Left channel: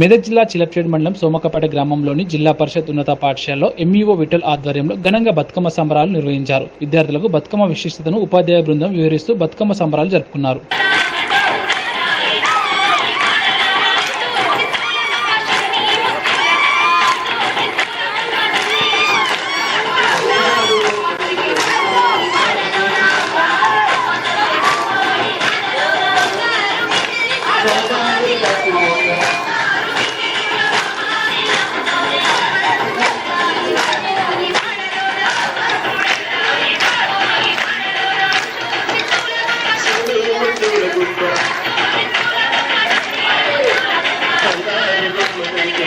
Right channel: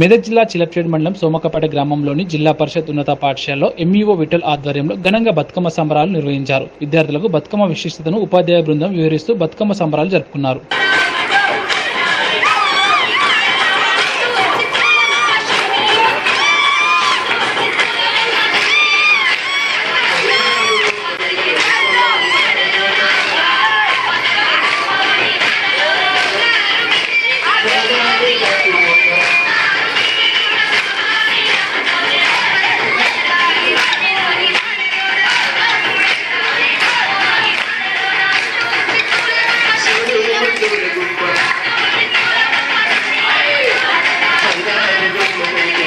మెదక్ జిల్లా చిలప్చేడు మండలం సోమకపేట గ్రామంలోని జిల్లా పరిషత్ ఉన్నత పాఠశాలలో ఎంఈఓ విఠల్ ఆధ్వర్యంలో ఘనంగా బతుకమ్మ సంబరాలు నిర్వహించారు. విద్యార్థులకు బతుకమ్మ విశిష్టతను ఉపాధ్యాయ బృందం వివరిస్తూ బతుకమ్మ సంబరాలు జరుపుకున్నారు. Thank you.